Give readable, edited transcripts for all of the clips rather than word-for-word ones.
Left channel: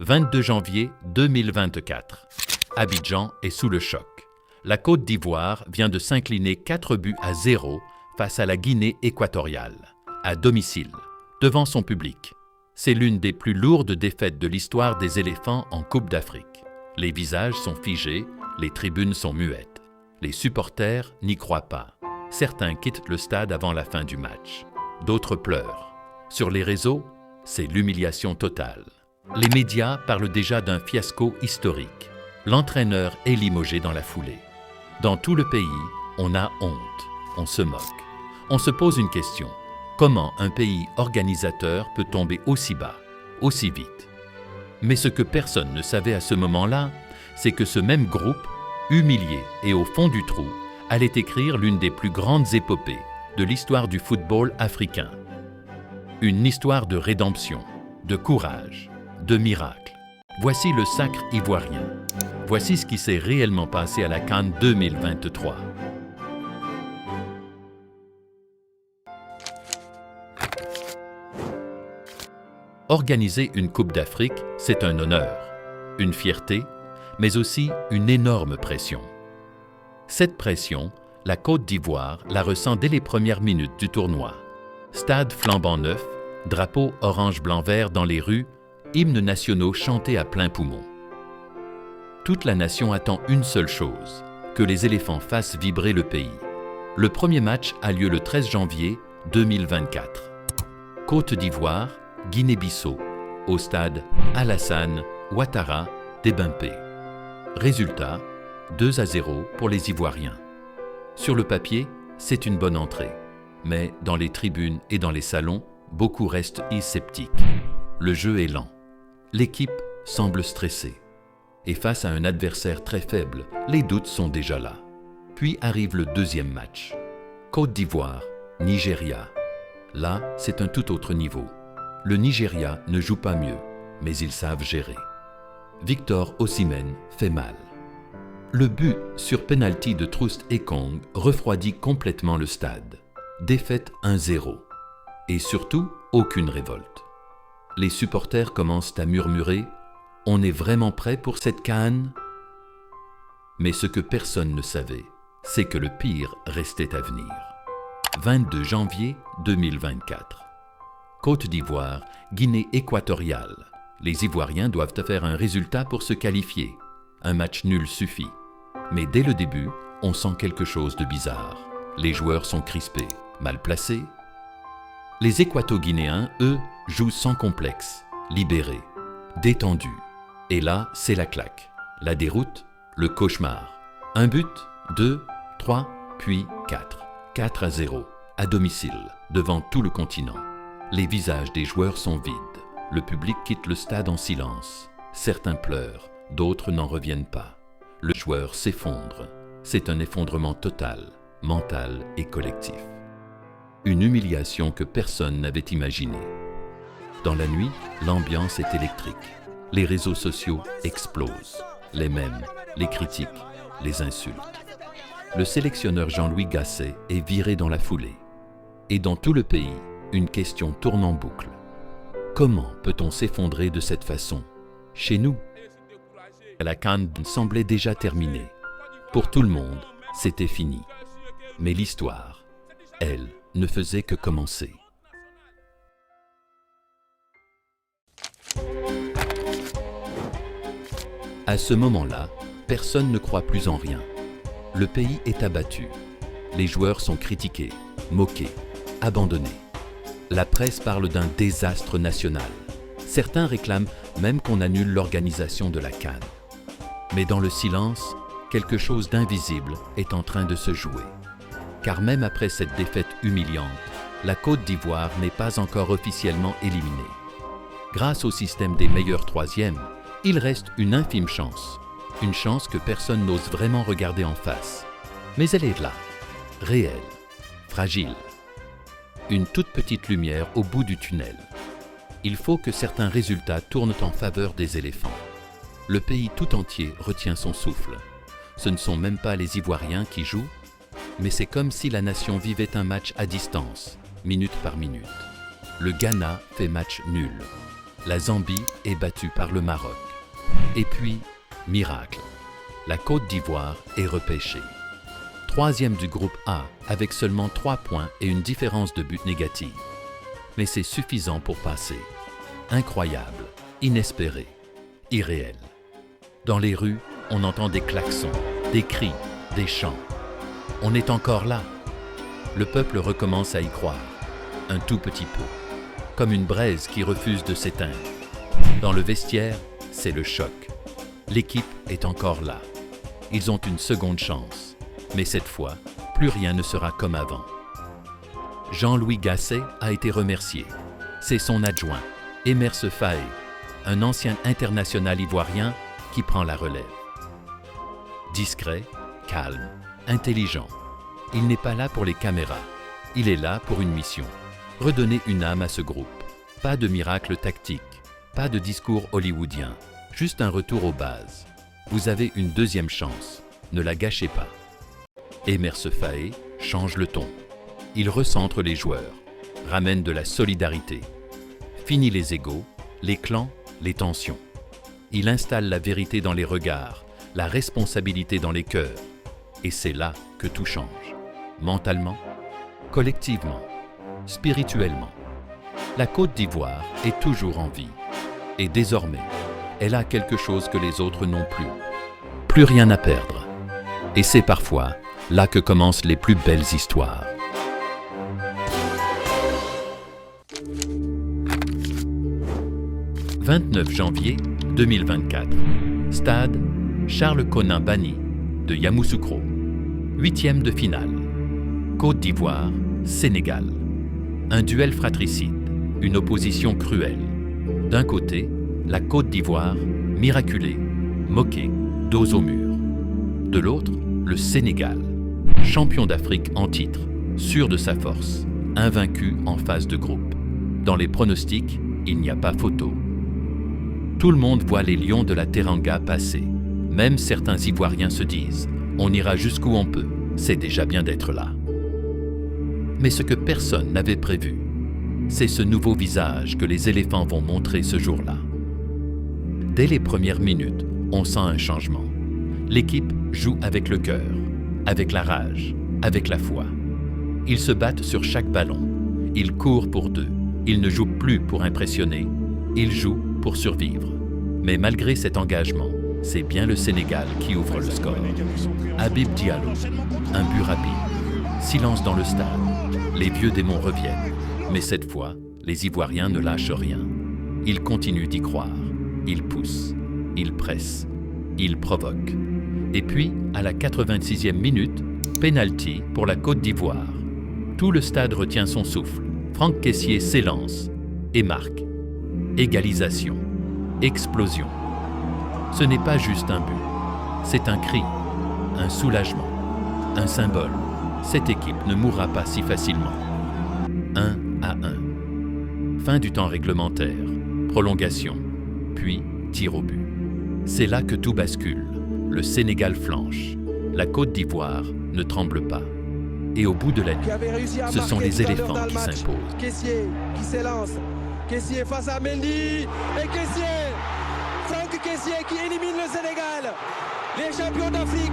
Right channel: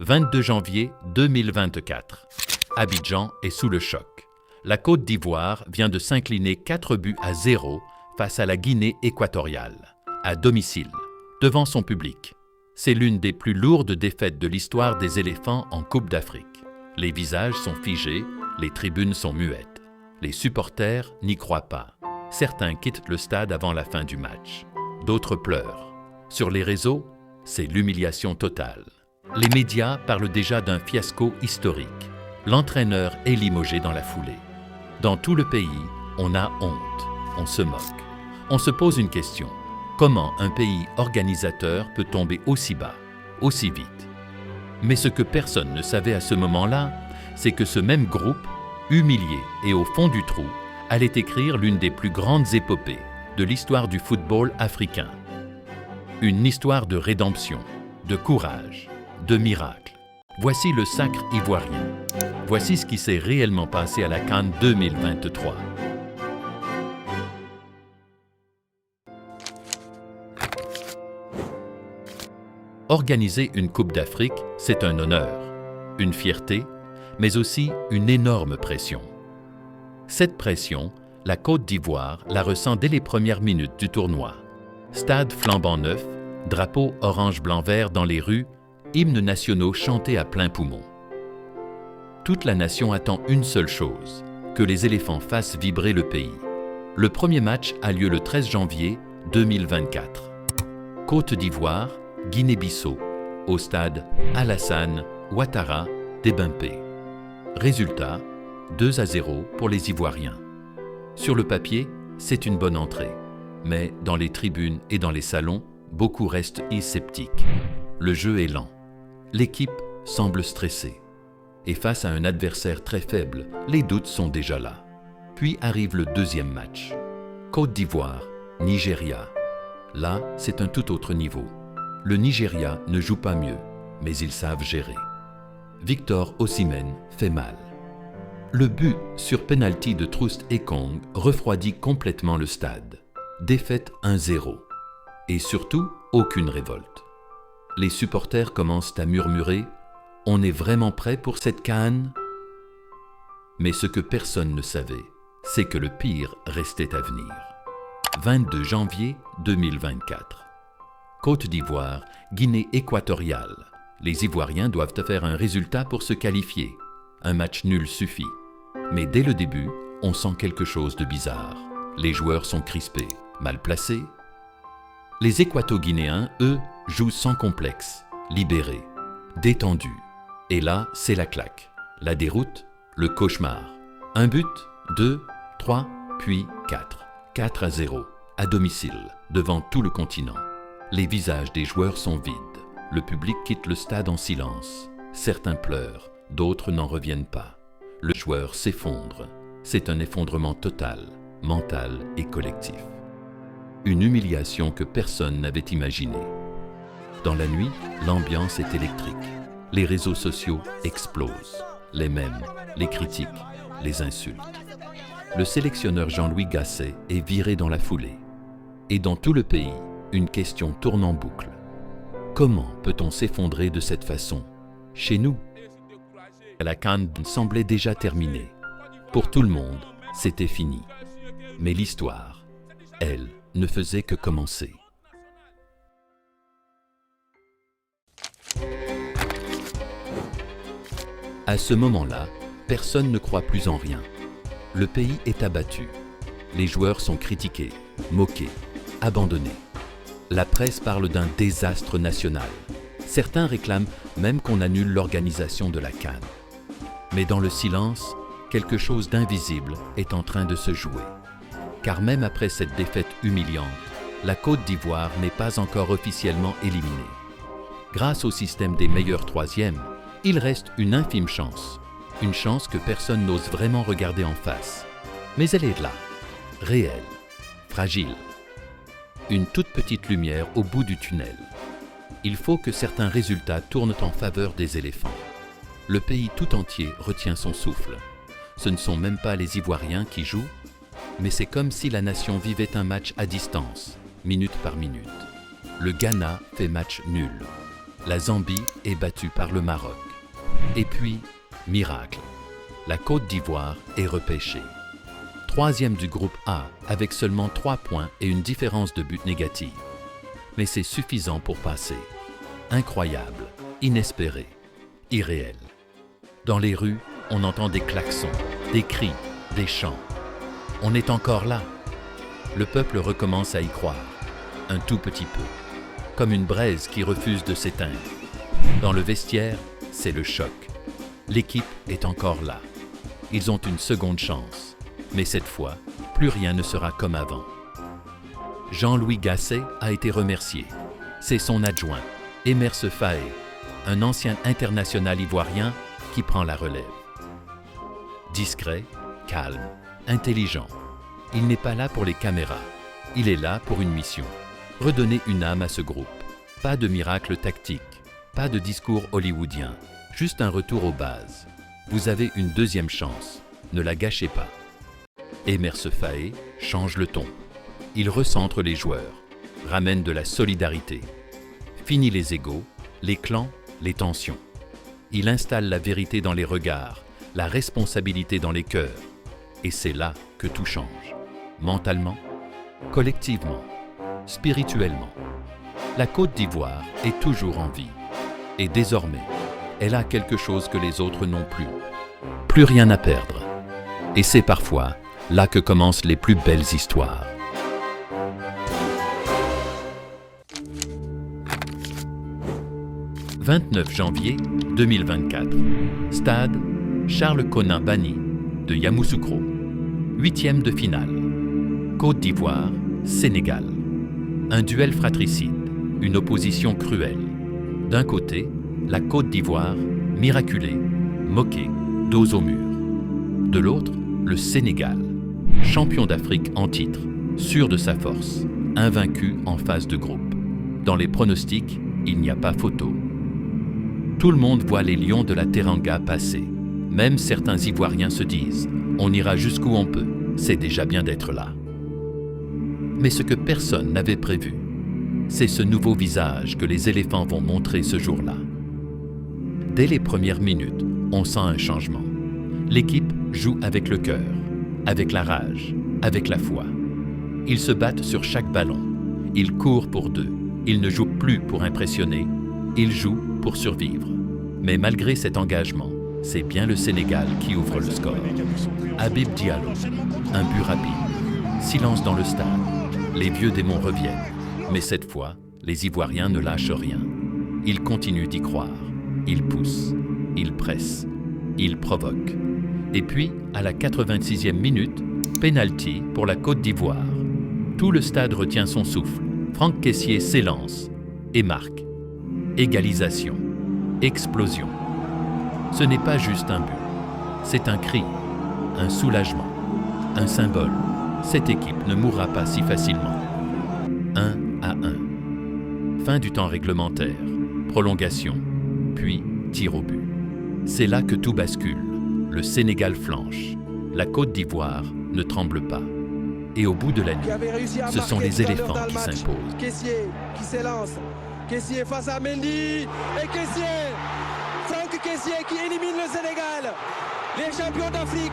22 janvier 2024. Abidjan est sous le choc. La Côte d'Ivoire vient de s'incliner 4-0 face à la Guinée équatoriale, à domicile, devant son public. C'est l'une des plus lourdes défaites de l'histoire des éléphants en Coupe d'Afrique. Les visages sont figés, les tribunes sont muettes. Les supporters n'y croient pas. Certains quittent le stade avant la fin du match. D'autres pleurent. Sur les réseaux, c'est l'humiliation totale. Les médias parlent déjà d'un fiasco historique. L'entraîneur est limogé dans la foulée. Dans tout le pays, on a honte, on se moque. On se pose une question. Comment un pays organisateur peut tomber aussi bas, aussi vite? Mais ce que personne ne savait à ce moment-là, c'est que ce même groupe, humilié et au fond du trou, allait écrire l'une des plus grandes épopées de l'histoire du football africain. Une histoire de rédemption, de courage, de miracle. Voici le sacre ivoirien. Voici ce qui s'est réellement passé à la CAN 2023. Organiser une Coupe d'Afrique, c'est un honneur, une fierté, mais aussi une énorme pression. Cette pression, la Côte d'Ivoire la ressent dès les premières minutes du tournoi. Stade flambant neuf, drapeau orange-blanc-vert dans les rues, hymnes nationaux chantés à plein poumon. Toute la nation attend une seule chose, que les éléphants fassent vibrer le pays. Le premier match a lieu le 13 janvier 2024. Côte d'Ivoire, Guinée-Bissau, au stade Alassane Ouattara d'Ebimpe. Résultat, 2-0 pour les Ivoiriens. Sur le papier, c'est une bonne entrée. Mais dans les tribunes et dans les salons, beaucoup restent sceptiques. Le jeu est lent. L'équipe semble stressée. Et face à un adversaire très faible, les doutes sont déjà là. Puis arrive le deuxième match. Côte d'Ivoire, Nigeria. Là, c'est un tout autre niveau. Le Nigeria ne joue pas mieux, mais ils savent gérer. Victor Osimhen fait mal. Le but sur penalty de Troust Ekong refroidit complètement le stade. Défaite 1-0. Et surtout, aucune révolte. Les supporters commencent à murmurer « On est vraiment prêt pour cette CAN ?» Mais ce que personne ne savait, c'est que le pire restait à venir. 22 janvier 2024. Côte d'Ivoire, Guinée équatoriale. Les Ivoiriens doivent faire un résultat pour se qualifier. Un match nul suffit. Mais dès le début, on sent quelque chose de bizarre. Les joueurs sont crispés, mal placés. Les Équato-Guinéens, eux, jouent sans complexe, libérés, détendus. Et là, c'est la claque, la déroute, le cauchemar. Un but, 2, 3, puis 4. 4-0, à domicile, devant tout le continent. Les visages des joueurs sont vides. Le public quitte le stade en silence. Certains pleurent, d'autres n'en reviennent pas. Le joueur s'effondre. C'est un effondrement total, mental et collectif. Une humiliation que personne n'avait imaginée. Dans la nuit, l'ambiance est électrique. Les réseaux sociaux explosent. Les mèmes, les critiques, les insultes. Le sélectionneur Jean-Louis Gasset est viré dans la foulée. Et dans tout le pays, une question tourne en boucle. Comment peut-on s'effondrer de cette façon, chez nous? La CAN semblait déjà terminée. Pour tout le monde, c'était fini. Mais l'histoire, elle, ne faisait que commencer. À ce moment-là, personne ne croit plus en rien. Le pays est abattu. Les joueurs sont critiqués, moqués, abandonnés. La presse parle d'un désastre national. Certains réclament même qu'on annule l'organisation de la CAN. Mais dans le silence, quelque chose d'invisible est en train de se jouer. Car même après cette défaite humiliante, la Côte d'Ivoire n'est pas encore officiellement éliminée. Grâce au système des meilleurs troisièmes, il reste une infime chance. Une chance que personne n'ose vraiment regarder en face. Mais elle est là, réelle, fragile. Une toute petite lumière au bout du tunnel. Il faut que certains résultats tournent en faveur des éléphants. Le pays tout entier retient son souffle. Ce ne sont même pas les Ivoiriens qui jouent, mais c'est comme si la nation vivait un match à distance, minute par minute. Le Ghana fait match nul. la Zambie est battue par le Maroc. Et puis, miracle, la Côte d'Ivoire est repêchée. Troisième du groupe A avec seulement 3 points et une différence de but négative. Mais c'est suffisant pour passer. Incroyable, inespéré, irréel. Dans les rues, on entend des klaxons, des cris, des chants. On est encore là. Le peuple recommence à y croire, un tout petit peu, comme une braise qui refuse de s'éteindre. Dans le vestiaire, c'est le choc. L'équipe est encore là. Ils ont une seconde chance, mais cette fois, plus rien ne sera comme avant. Jean-Louis Gasset a été remercié. C'est son adjoint, Emerse Faé, un ancien international ivoirien qui prend la relève. Discret, calme, intelligent. Il n'est pas là pour les caméras. Il est là pour une mission. Redonner une âme à ce groupe. Pas de miracle tactique, pas de discours hollywoodien, juste un retour aux bases. Vous avez une deuxième chance, ne la gâchez pas. Emerse Faé change le ton. Il recentre les joueurs, ramène de la solidarité. Fini les égos, les clans, les tensions. Il installe la vérité dans les regards, la responsabilité dans les cœurs. Et c'est là que tout change. Mentalement, collectivement, spirituellement. La Côte d'Ivoire est toujours en vie. Et désormais, elle a quelque chose que les autres n'ont plus. Plus rien à perdre. Et c'est parfois là que commencent les plus belles histoires. « 29 janvier 2024. Stade Charles-Konin-Banny de Yamoussoukro. 8e de finale. Côte d'Ivoire, Sénégal. Un duel fratricide, une opposition cruelle. D'un côté, la Côte d'Ivoire, miraculée, moquée, dos au mur. De l'autre, le Sénégal, champion d'Afrique en titre, sûr de sa force, invaincu en phase de groupe. Dans les pronostics, il n'y a pas photo. Tout le monde voit les lions de la Teranga passer. Même certains Ivoiriens se disent « On ira jusqu'où on peut, c'est déjà bien d'être là ». Mais ce que personne n'avait prévu, c'est ce nouveau visage que les éléphants vont montrer ce jour-là. Dès les premières minutes, on sent un changement. L'équipe joue avec le cœur, avec la rage, avec la foi. Ils se battent sur chaque ballon. Ils courent pour deux. Ils ne jouent plus pour impressionner. Ils jouent pour survivre. Mais malgré cet engagement, c'est bien le Sénégal qui ouvre le score. Habib Diallo, un but rapide. Silence dans le stade. Les vieux démons reviennent. Mais cette fois, les Ivoiriens ne lâchent rien. Ils continuent d'y croire. Ils poussent. Ils pressent. Ils provoquent. Et puis, à la 86e minute, pénalty pour la Côte d'Ivoire. Tout le stade retient son souffle. Franck Kessié s'élance et marque. Égalisation. Explosion. Ce n'est pas juste un but. C'est un cri, un soulagement, un symbole. Cette équipe ne mourra pas si facilement. 1-1. Fin du temps réglementaire, prolongation, puis tir au but. C'est là que tout bascule. Le Sénégal flanche. La Côte d'Ivoire ne tremble pas. Et au bout de la nuit, ce sont les éléphants qui s'imposent. Kessié qui s'élance. Kessié face à Mendy. Et Kessié, Franck Kessié qui élimine le Sénégal. Les champions d'Afrique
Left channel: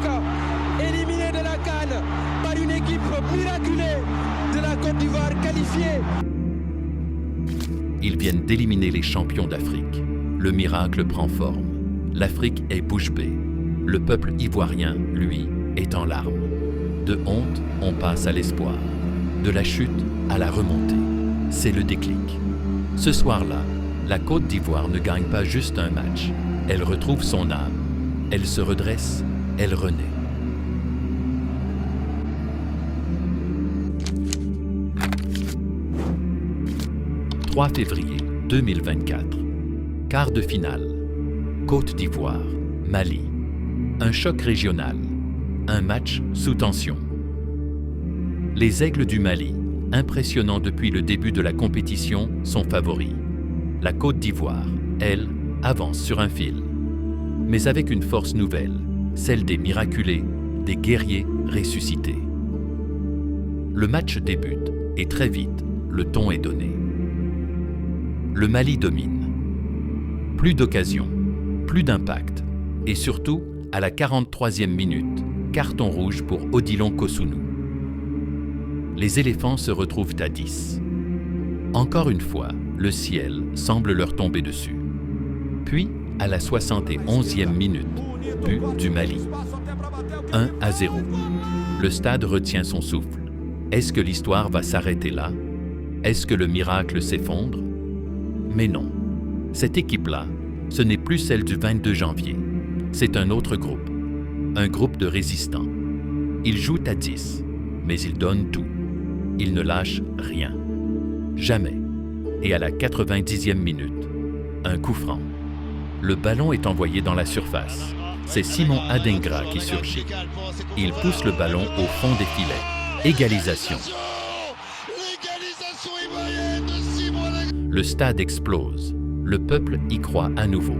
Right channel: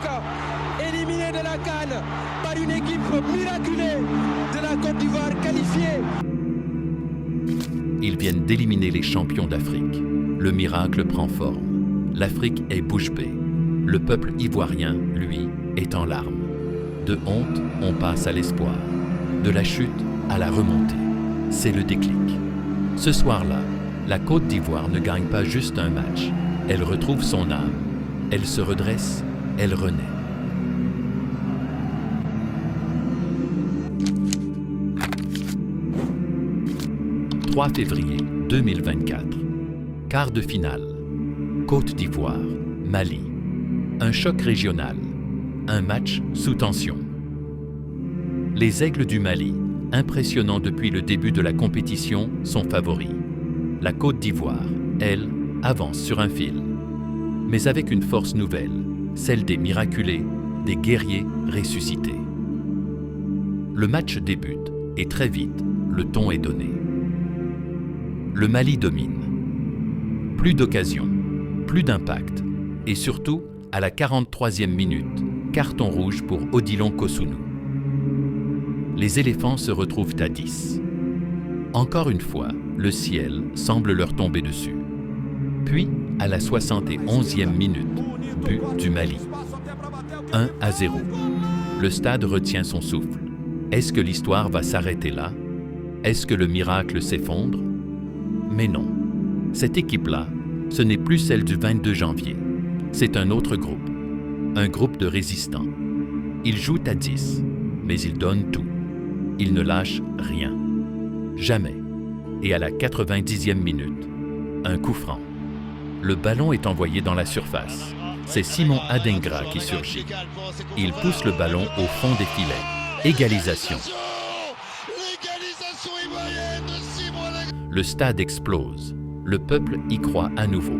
éliminés de la CAN par une équipe miraculée de la Côte d'Ivoire qualifiée. Ils viennent d'éliminer les champions d'Afrique. Le miracle prend forme. L'Afrique est bouche bée. Le peuple ivoirien, lui, est en larmes. De honte, on passe à l'espoir. De la chute à la remontée. C'est le déclic. Ce soir-là, la Côte d'Ivoire ne gagne pas juste un match. Elle retrouve son âme. Elle se redresse. Elle renaît. « 3 février 2024. Quart de finale. Côte d'Ivoire, Mali. Un choc régional. Un match sous tension. Les Aigles du Mali, impressionnants depuis le début de la compétition, sont favoris. La Côte d'Ivoire, elle, avance sur un fil. Mais avec une force nouvelle, celle des miraculés, des guerriers ressuscités. Le match débute et très vite, le ton est donné. Le Mali domine. Plus d'occasion, plus d'impact. Et surtout, à la 43e minute, carton rouge pour Odilon Kosunu. Les éléphants se retrouvent à 10. Encore une fois, le ciel semble leur tomber dessus. Puis, à la 71e minute, but du Mali. 1-0. Le stade retient son souffle. Est-ce que l'histoire va s'arrêter là? Est-ce que le miracle s'effondre? Mais non. Cette équipe-là, ce n'est plus celle du 22 janvier. C'est un autre groupe. Un groupe de résistants. Ils jouent à 10, mais ils donnent tout. Ils ne lâchent rien. Jamais. Et à la 90e minute, un coup franc. Le ballon est envoyé dans la surface. C'est Simon Adingra qui surgit. Il pousse le ballon au fond des filets. Égalisation. Le stade explose. Le peuple y croit à nouveau.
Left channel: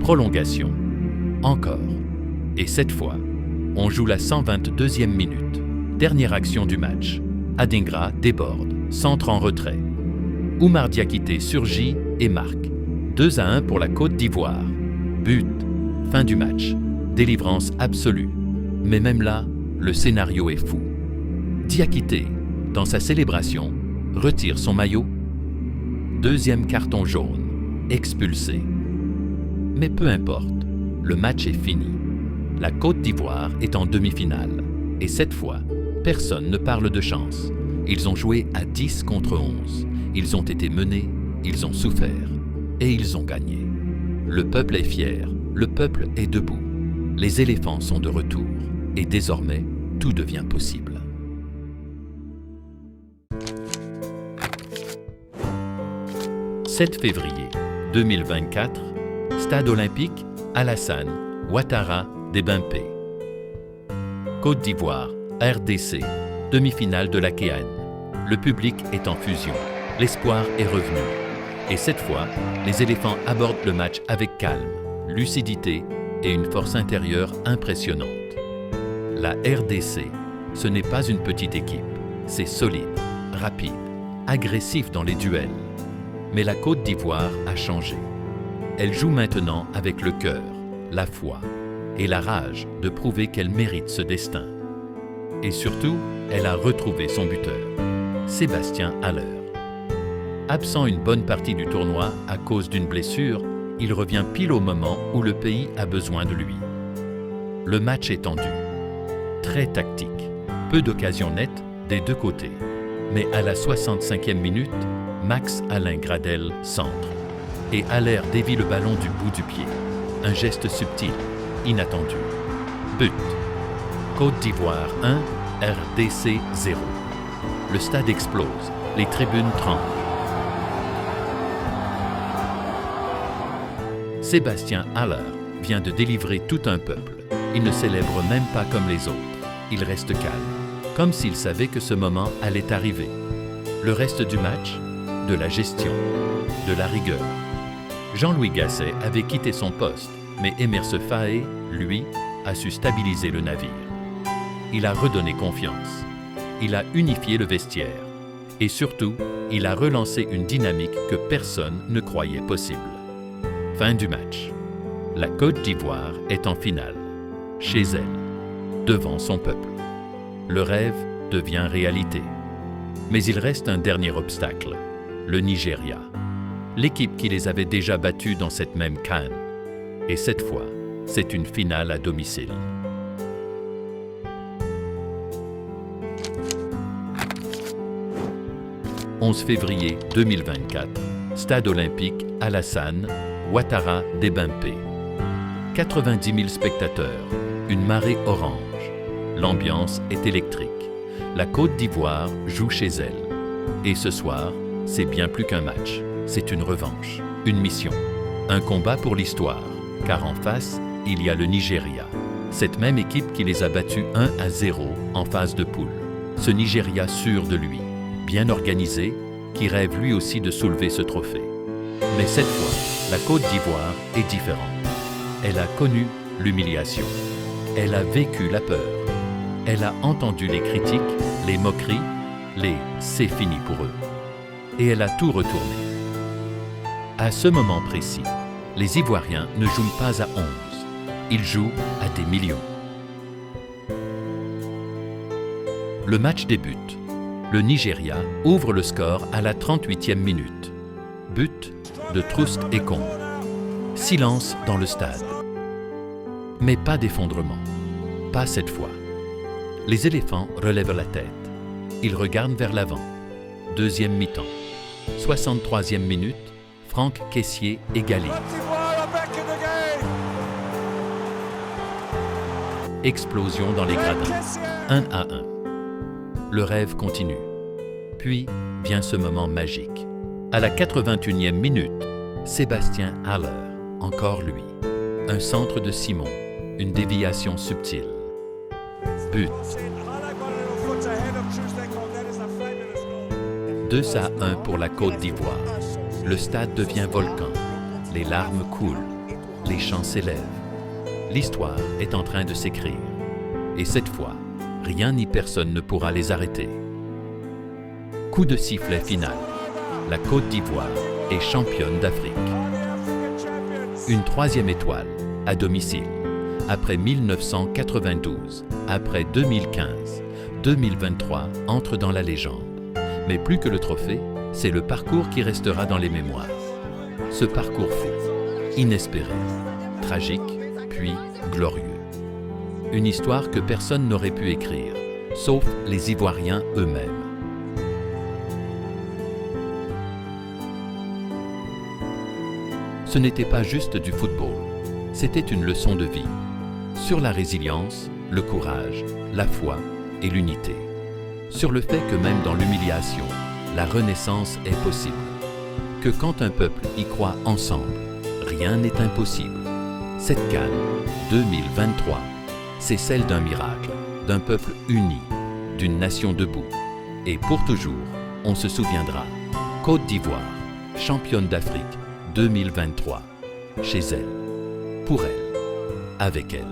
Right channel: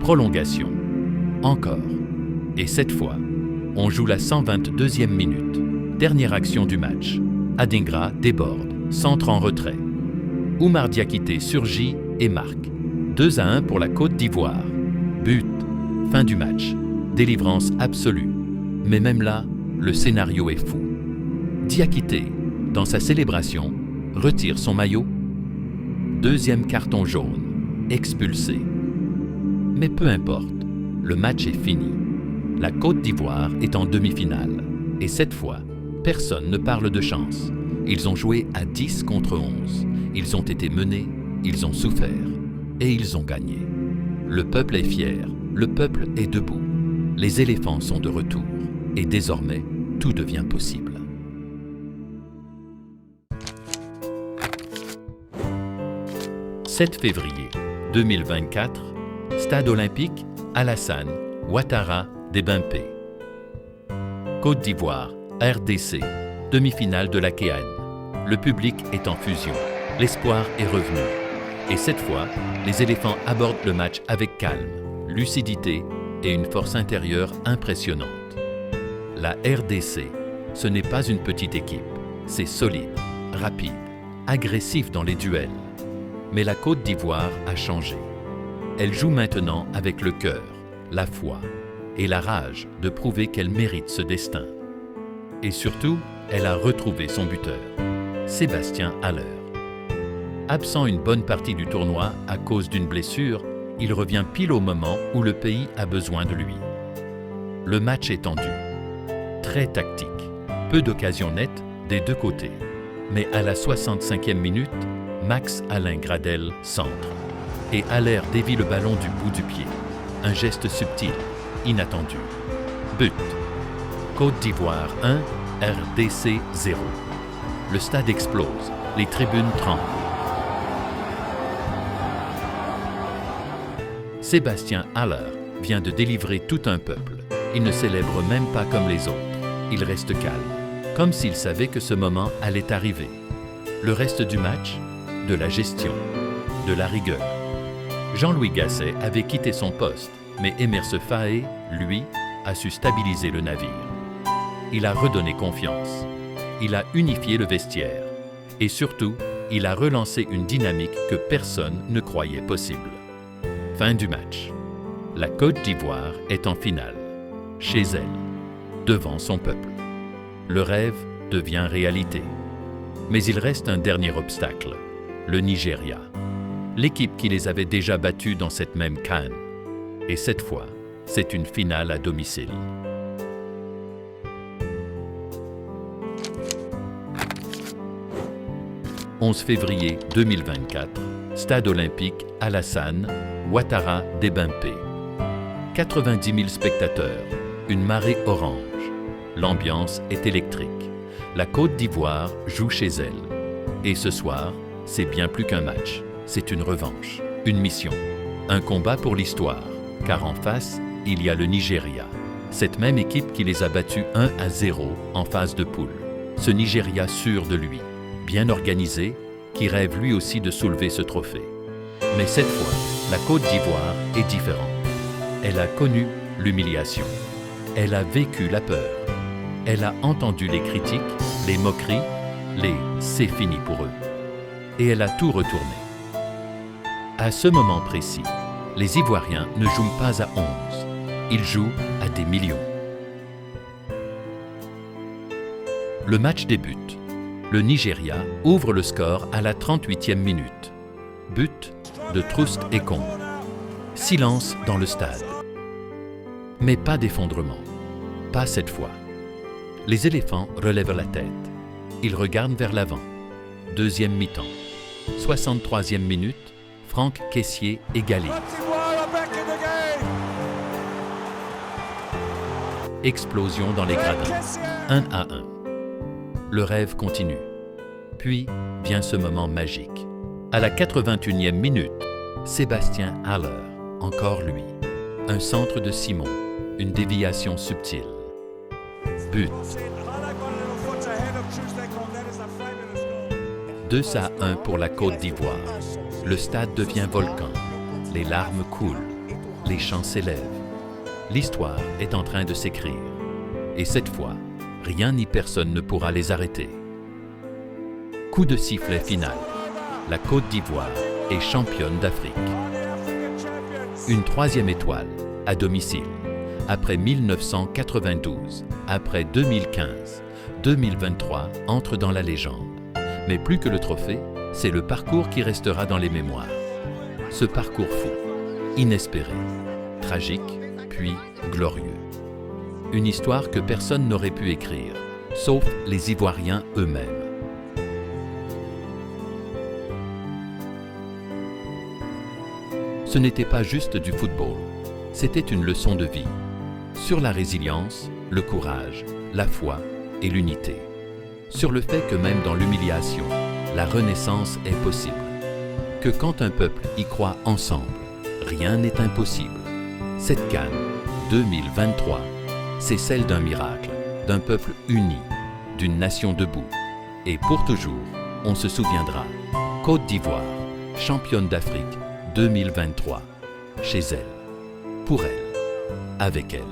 Prolongation. Encore. Et cette fois, on joue la 122e minute. Dernière action du match. Adingra déborde, centre en retrait. Oumar Diakité surgit et marque. 2-1 pour la Côte d'Ivoire. But. Fin du match. Délivrance absolue. Mais même là, le scénario est fou. Diakité, dans sa célébration, retire son maillot. Deuxième carton jaune. Expulsé. Mais peu importe, le match est fini. La Côte d'Ivoire est en demi-finale. Et cette fois, personne ne parle de chance. Ils ont joué à 10 contre 11. Ils ont été menés, ils ont souffert. Et ils ont gagné. Le peuple est fier, le peuple est debout. Les éléphants sont de retour. Et désormais, tout devient possible. « 7 février 2024, Stade olympique, Alassane, Ouattara, Dembélé. Côte d'Ivoire, RDC, demi-finale de la CAN. Le public est en fusion. L'espoir est revenu. Et cette fois, les éléphants abordent le match avec calme, lucidité et une force intérieure impressionnante. La RDC, ce n'est pas une petite équipe. C'est solide, rapide, agressif dans les duels. Mais la Côte d'Ivoire a changé. Elle joue maintenant avec le cœur, la foi et la rage de prouver qu'elle mérite ce destin. Et surtout, elle a retrouvé son buteur, Sébastien Haller. Absent une bonne partie du tournoi à cause d'une blessure, il revient pile au moment où le pays a besoin de lui. Le match est tendu, très tactique, peu d'occasions nettes des deux côtés. Mais à la 65e minute, Max Alain Gradel centre. Et Haller dévie le ballon du bout du pied. Un geste subtil, inattendu. But. Côte d'Ivoire 1, RDC 0. Le stade explose, les tribunes tremblent. Sébastien Haller vient de délivrer tout un peuple. Il ne célèbre même pas comme les autres. Il reste calme, comme s'il savait que ce moment allait arriver. Le reste du match, de la gestion, de la rigueur. Jean-Louis Gasset avait quitté son poste, mais Emerse Faé, lui, a su stabiliser le navire. Il a redonné confiance. Il a unifié le vestiaire. Et surtout, il a relancé une dynamique que personne ne croyait possible. Fin du match. La Côte d'Ivoire est en finale, chez elle, devant son peuple. Le rêve devient réalité. Mais il reste un dernier obstacle, le Nigeria. L'équipe qui les avait déjà battus dans cette même CAN. Et cette fois, c'est une finale à domicile. « 11 février 2024, Stade olympique, Alassane, Ouattara, Dembélé. 90 000 spectateurs, une marée orange. L'ambiance est électrique. La Côte d'Ivoire joue chez elle. Et ce soir, c'est bien plus qu'un match. C'est une revanche, une mission, un combat pour l'histoire. Car en face, il y a le Nigeria. Cette même équipe qui les a battus 1-0 en phase de poule. Ce Nigeria sûr de lui, bien organisé, qui rêve lui aussi de soulever ce trophée. Mais cette fois, la Côte d'Ivoire est différente. Elle a connu l'humiliation. Elle a vécu la peur. Elle a entendu les critiques, les moqueries, les « c'est fini pour eux ». Et elle a tout retourné. À ce moment précis, les Ivoiriens ne jouent pas à 11, ils jouent à des millions. Le match débute. Le Nigeria ouvre le score à la 38e minute. But de Troust Ekong. Silence dans le stade. Mais pas d'effondrement. Pas cette fois. Les éléphants relèvent la tête. Ils regardent vers l'avant. Deuxième mi-temps. 63e minute, Franck Kessié égalise. Explosion dans les gradins. 1-1. Le rêve continue. Puis vient ce moment magique. À la 81e minute, Sébastien Haller, encore lui. Un centre de Simon, une déviation subtile. But. 2-1 pour la Côte d'Ivoire. Le stade devient volcan. Les larmes coulent. Les chants s'élèvent. L'histoire est en train de s'écrire. Et cette fois, rien ni personne ne pourra les arrêter. Coup de sifflet final. La Côte d'Ivoire est championne d'Afrique. Une troisième étoile, à domicile. Après 1992, après 2015, 2023 entre dans la légende. Mais plus que le trophée, c'est le parcours qui restera dans les mémoires. Ce parcours fou, inespéré, tragique, puis glorieux. Une histoire que personne n'aurait pu écrire, sauf les Ivoiriens eux-mêmes. Ce n'était pas juste du football, c'était une leçon de vie, sur la résilience, le courage, la foi et l'unité. Sur le fait que même dans l'humiliation, la renaissance est possible. Que quand un peuple y croit ensemble, rien n'est impossible. Cette CAN 2023, c'est celle d'un miracle, d'un peuple uni, d'une nation debout. Et pour toujours, on se souviendra. Côte d'Ivoire, championne d'Afrique 2023, chez elle, pour elle, avec elle.